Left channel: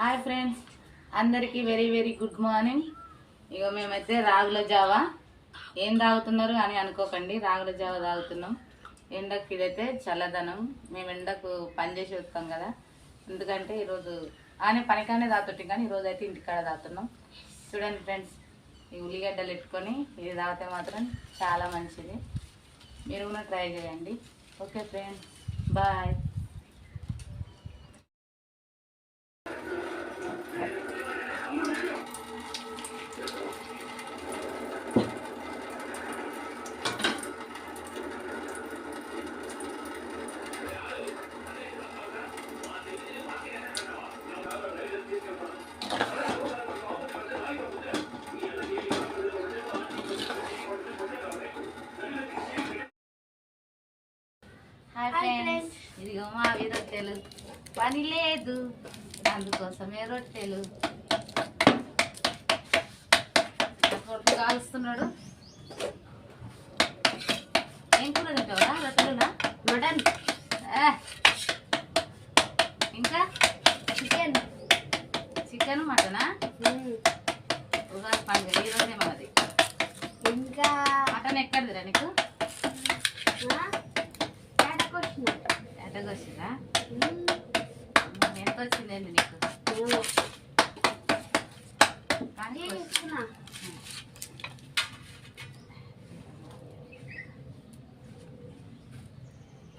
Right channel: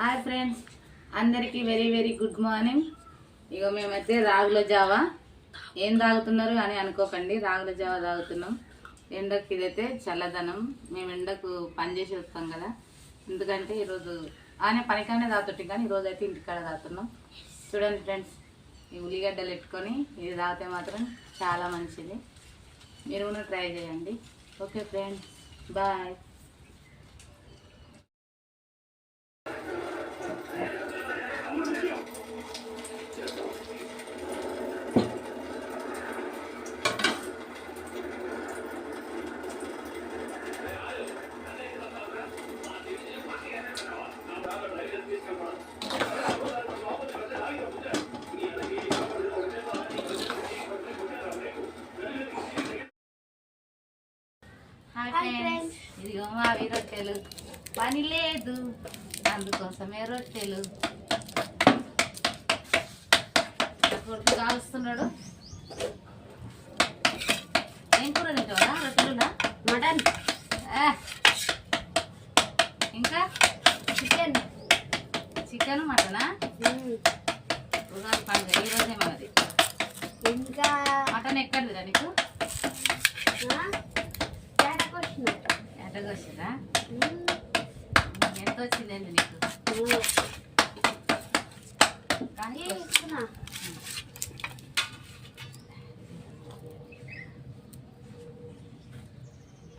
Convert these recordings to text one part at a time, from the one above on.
Hi friends, అందరికీ very very good morning. ఇక మేమైతే రాగుల జావా ఏం తాగుతున్నారు అని అనుకోకండి. రాగుల జావా తాగుతున్నాం. ఎండకు ఇదైతే చల్లదనం. మేము ఎండకు పని చేసి వస్తాం కదా, ఎందుకంటే ఈరోజు ఆయన పనికానే తాగుతుంటాం, కానీ ఈరోజు అయితే ఇంటికాడ తాగుతున్నాం. చూడండి ఫ్రెండ్స్, ఈ ఉల్లిగడ్డలు పెట్టుకొని ఇది తాగితే మాత్రం చాలా మంచిది. మీరు కూడా ట్రై చేయండి. Okay friends, bye. ఇదిగో మా రొట్టెలు, పని లేదు అందుకోసమే రొట్టెలు. కొడుకు కాలుస్తున్నాడు. ఏం కూర తింటావా? రొట్టెలునా? మటన్, ఇంకా చికెన్. చికెన్ మటనా? ఉగాది పండుగ ఈరోజే మనది. ఇంకా మటన్ ఎక్కడిదిరా నీకు? ఎట్టకొచ్చిరా? ఎంత వచ్చిందండి నీకు?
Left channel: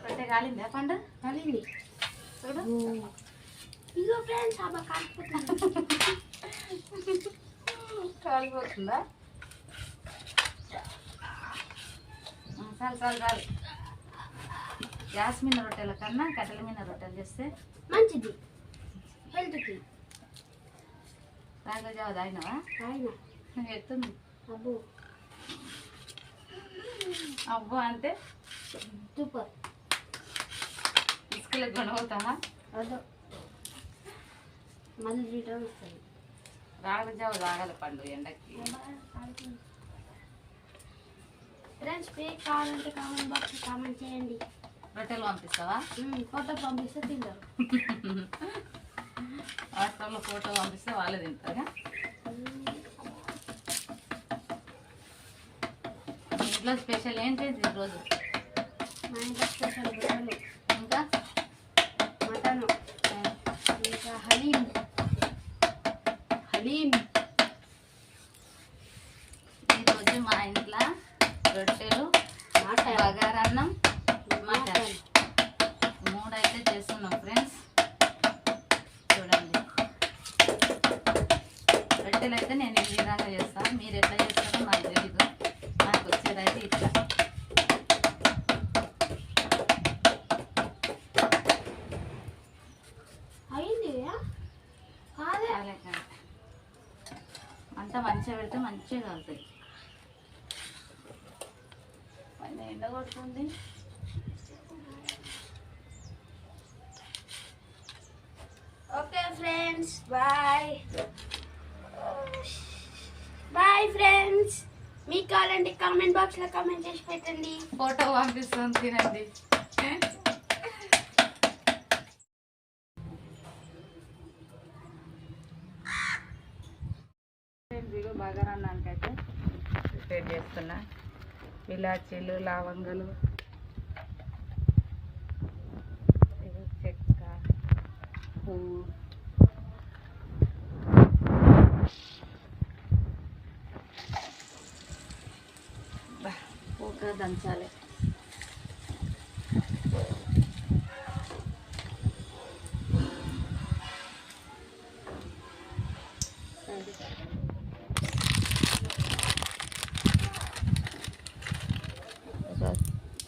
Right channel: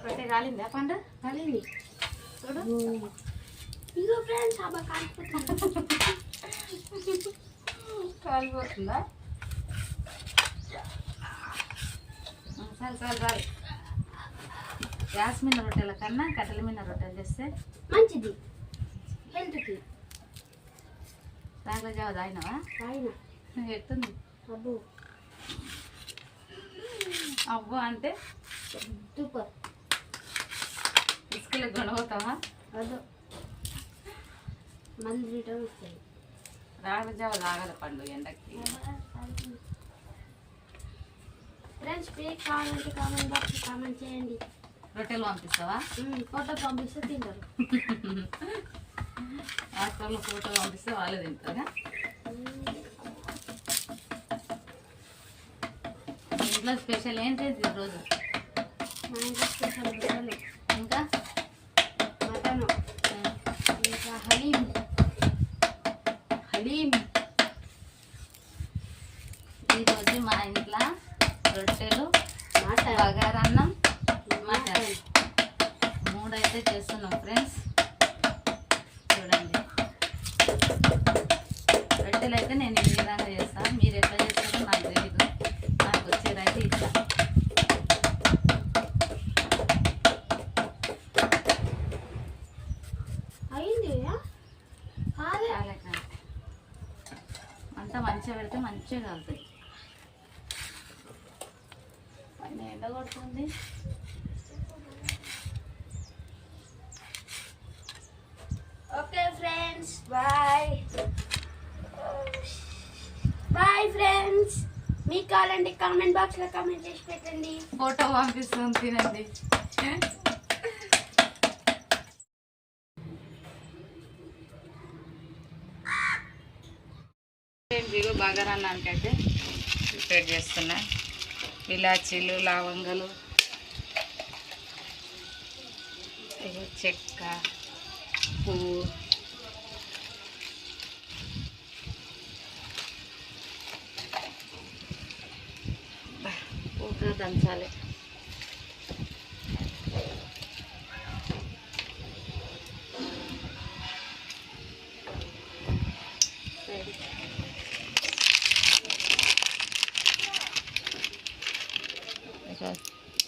రొట్టె కాలిందా? పండు కాలింది చూడు. ఇగో ఫ్రెండ్స్, కాలిపోతుందా? చాలు చాలు చాలు. గ్యాస్ మీద రొట్టెల కన్నా కట్టెల మీద రొట్టెలు చేస్తే మంచిది హెల్త్కి. రాగుల జావ తాగినావా? తాగినా. ఎట్టుంది? అబ్బో అబ్బో అంటే సూపర్. ఇసుకలకు కొనవుతావా? అదో మళ్ళీ రిటర్న్ వస్తాయి. రాగుల జావ తాగల పండు ఎండకి. ఫ్రెండ్స్, పేక్ కావాలంటే కామెంట్ బాక్స్ కామెంట్ చేయండి. రొట్టెలు పంపిస్తావా? ఫోటో పంపిస్తే తింటారు. వాట్సాప్లో ఫోటో పంపిస్తే వాళ్ళే తింటారా? ఇంట్లో స్పెషల్ ఏంటి ఈరోజు? మా ఇంట్లో స్పెషల్ రొట్టెలు, ఇంకా మటను, ఇంకా హలీం. ఈరోజు మా ఇంట్లో రొట్టెలు, బగారన్నం, మటన్ మూడైతే చేస్తున్నాం ఫ్రెండ్స్. చూడండి, రొట్టెలు అయితే నేను ఈ విధంగా చేస్తాను. మీరు ఎట్లా చేస్తారో నాకు తెలీదు. నాకు వచ్చేదైతే ఇట్లా. అంతా మంచిగా పెడితే మంచిగా కలుగుతాయి. పైన ఎండ కొడుతుంది. Okay friends, bye bye friends. మీకు కావాలంటే కామెంట్ బాక్స్లో కామెంట్ చేసి పెట్టండి. ఫోటో పంపిస్తాం, తినండి. ఇదిగో బగారన్నానికైతే ప్రిపేర్ చేస్తున్నా. ఇలాచీలు, లవంగాలు, చెక్క, పువ్వు, పూర్తిగా దంచాలి.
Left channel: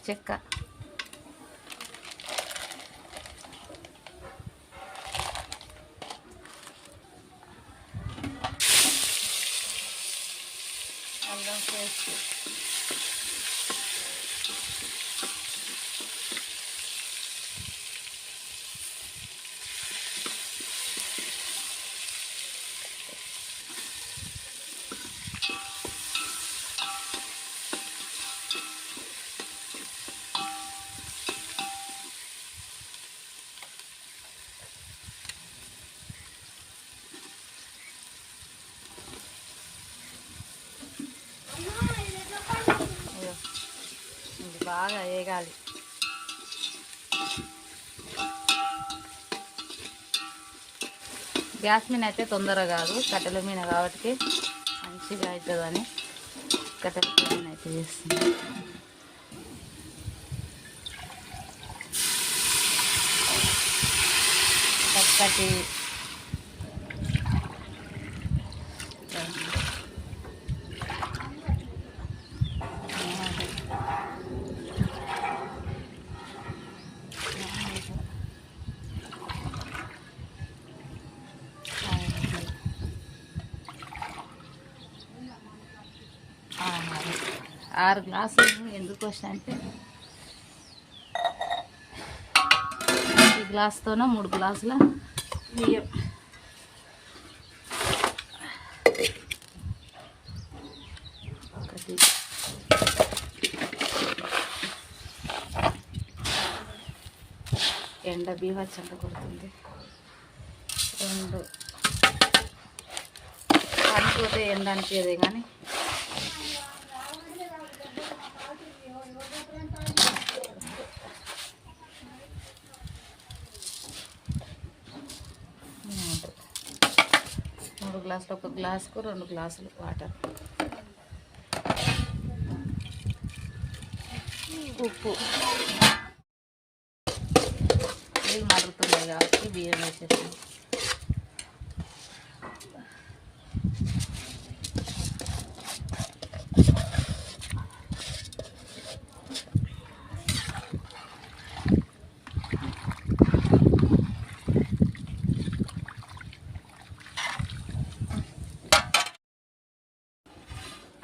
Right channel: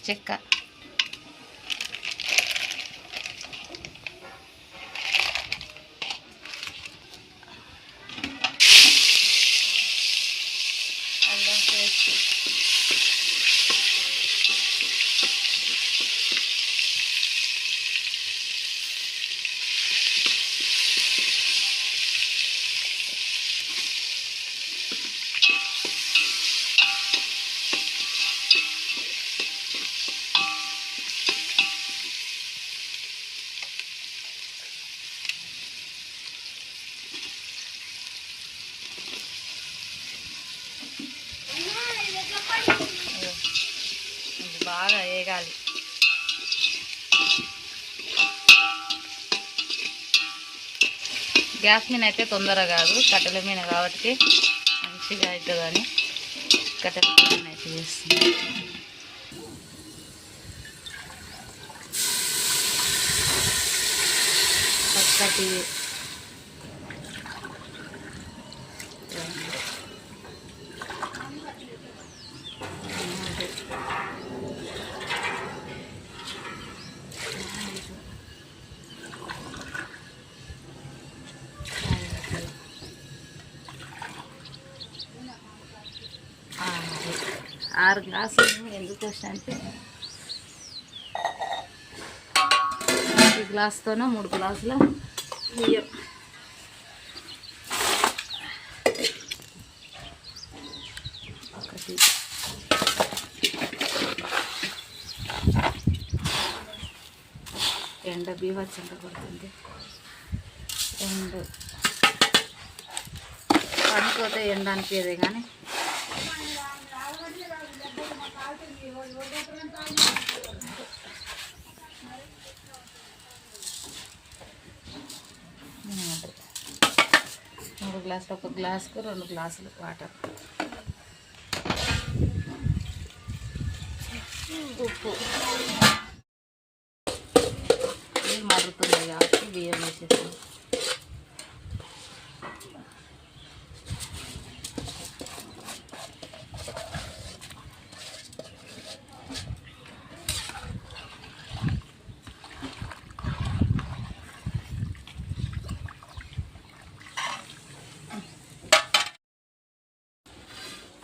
చెక్క, అల్లం పేస్ట్, వేగాలి. గ్యాస్ మీద అయితే తొందరగా కాదు, కట్టెల మీద కాబట్టి మంచిగా అవుతుందని కట్టెల మీద అయితే చేస్తుంది. చక్కటి ఆరు గ్లాసులు ఎందుకు వచ్చాయంటే ఈ గ్లాస్తోనో 3 గ్లాసుల బియ్యం. ఒకటి ఎండ బీవచ్చంట కొడుతుంది. 2 పనిపోతే ఎండ అనిపించేదే కానీ మూడు గ్లాసులు, 1 గ్లాసుకు 2 గ్లాసులు వాటర్, ఉప్పు. నీళ్ళు మరుగుతున్నాయి కాబట్టి బియ్యం వేసేసాం.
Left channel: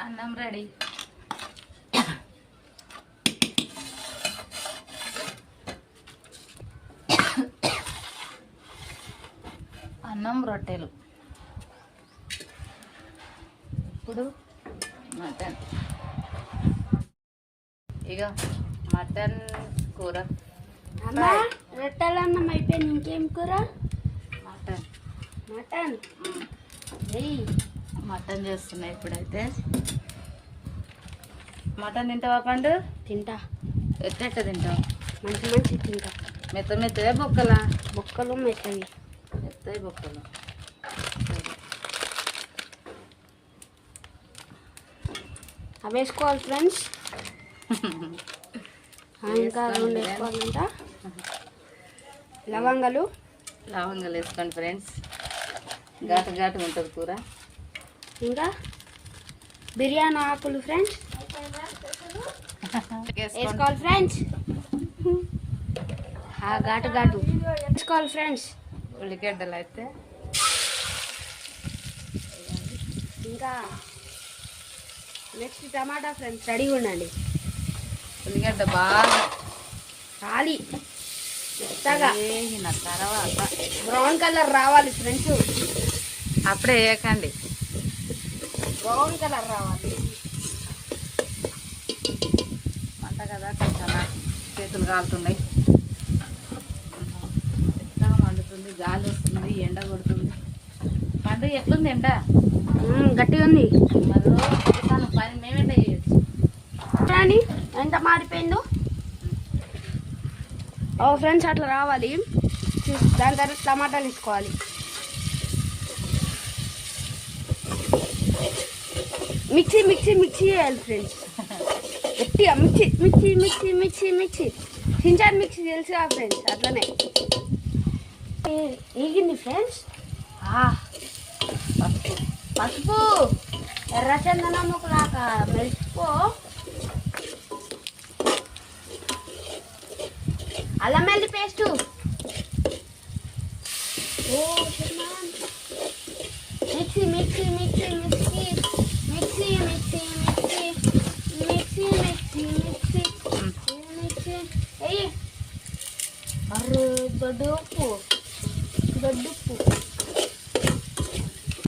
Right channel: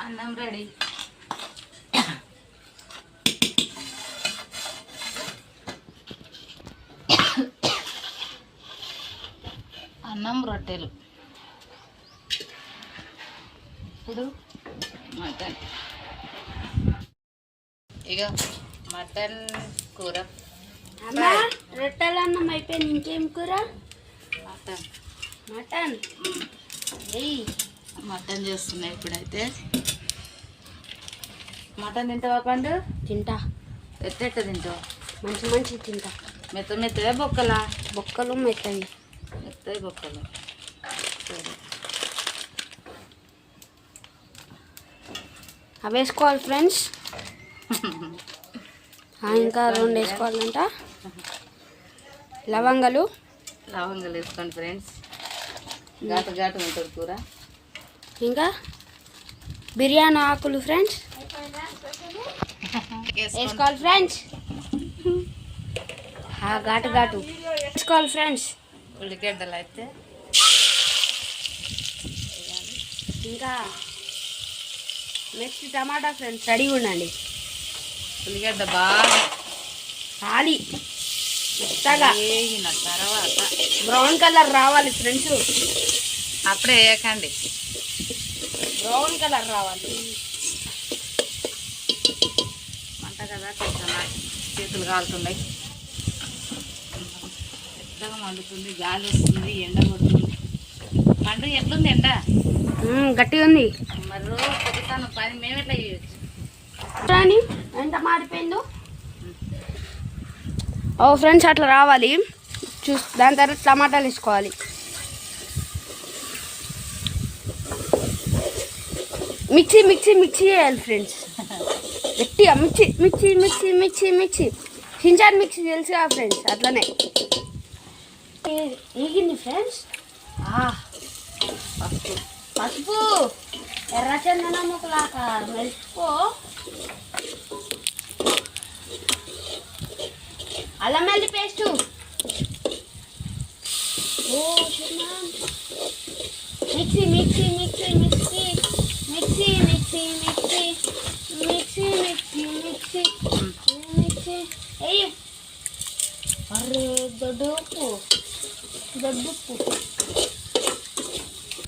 అన్నం రెడీ. అన్నం రొట్టెలు. ఇప్పుడు మటన్. ఇక మటన్ కూర. రొట్టెలు అన్నం అయిపోయింది, ఇంకేం కూర? మటన్. మటన్ మటన్ చేస్తున్నాయి ఇప్పుడైతే. మటన్ తింటావా పండు? తింటా. ఎట్ట తింటావా? మంచి తింటా. మెత్తగా బొక్కలా? బొక్కలు మెత్తవి. మెత్తవి బొక్కలు. అవి వేసుకోవాలి ఫ్రెండ్స్. ఇంకా 2 వేసుకోవాలంట. లవంగాలు వేసుకోండి ఫ్రెండ్స్, ఘాటు ఉంటుంది కూర. ఇంకా బిర్యానీ ఆకులు ఫ్రెండ్స్ వేసుకోవాలి ఫ్రెండ్స్. ఘాటు వేసుకోవాలి ఫ్రెండ్స్. ఉల్లిగడ్డలు అయితే ఇంకా నెక్స్ట్ టమాటా ఫ్రెండ్స్ రెడీగా ఉండండి. ఉల్లిగడ్డ బాగా ఖాళీ మెత్తగా వేగిన తర్వాత బ్రౌన్ కలర్ రావాలి ఫ్రెండ్స్. అప్పుడే వేయకండి, బ్రౌన్ కలర్ రావాలి. అంట కదా చేతులు కాలుతున్నాయి, మెత్తగా మండుతుంది, గాలి వస్తుంది, ఎండ కొడుతుంది. పండు ఎట్లుంది ఎండ? గట్టిగా ఉంది. మరి రోజు పని మేమెట్లా చేయొచ్చు? కానీ ఎంత మారిపోయిందో. ఓ ఫ్రెండ్స్ అట్లా రావాలి. దాని తర్వాత టమాటాలు వేసుకోవాలి. మిక్సీ చేయాలి ఫ్రెండ్స్. గట్టిగా మిక్సీ చించాన్ మిక్సీ తెలుసు కదా ఫ్రెండ్స్, అట్లనే ఏగింది ఫ్రెండ్స్. పసుపు ఎర్ర చందనం ఒకలాగా మెరుసుకో. అల్లం వెల్లి పేస్టు. మిక్సీ అయ్యి. అరే దొడ్డుప్పు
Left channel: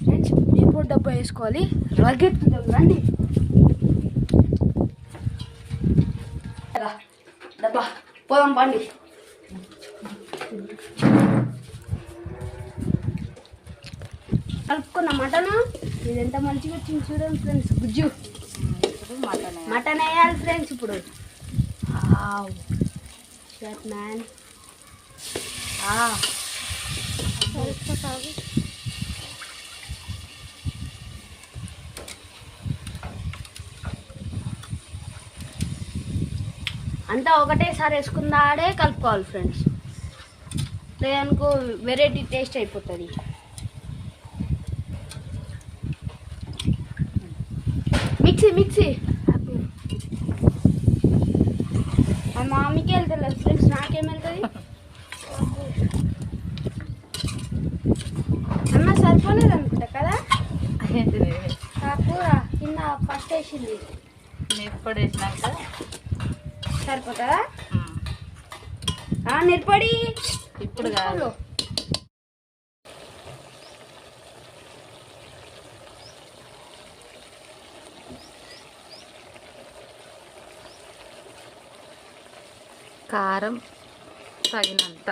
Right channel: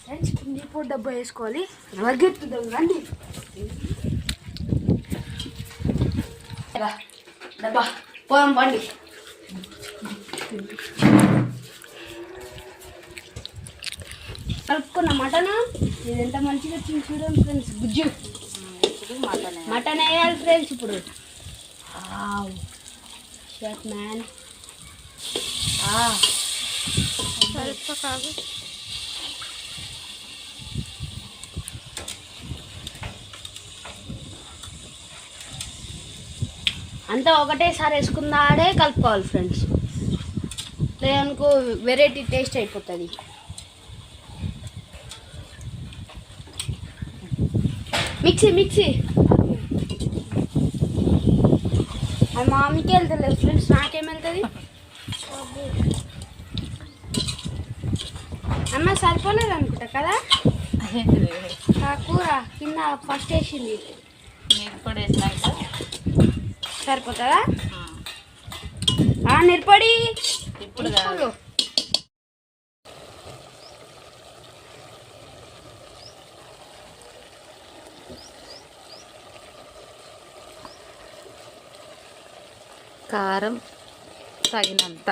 ఫ్రెండ్స్, ఇప్పుడు డబ్బా వేసుకోవాలి. మరిగెత్తుదాం రండి. డబ్బా పోదాం పండి. కలుపుకున్న మటన్ ఇది ఎంత మంచిగా వచ్చింది చూడండి ఫ్రెండ్స్. గుజ్జు మటన్ వేయాలి ఫ్రెండ్స్. ఇప్పుడు వావ్ షర్ట్ మ్యాన్ కాదు అంతా ఒకటేసారి వేసుకున్నాడే కలుపుకోవాలి ఫ్రెండ్స్, లేదనుకో వెరైటీ టేస్ట్ అయిపోతుంది. మిక్సీ ఆ మామికి వెళ్తలేదు ఫ్రెండ్స్, నాకేం వెళ్తుంది అన్న సరిపోలేదు అనుకుంటా కదా ఆ కూర కింద ఫస్ట్ వేసింది మిరప్పొడి వేసినాక సరిపోతుందా నిరపడి ఇప్పుడు కాదు. కారం తగినంత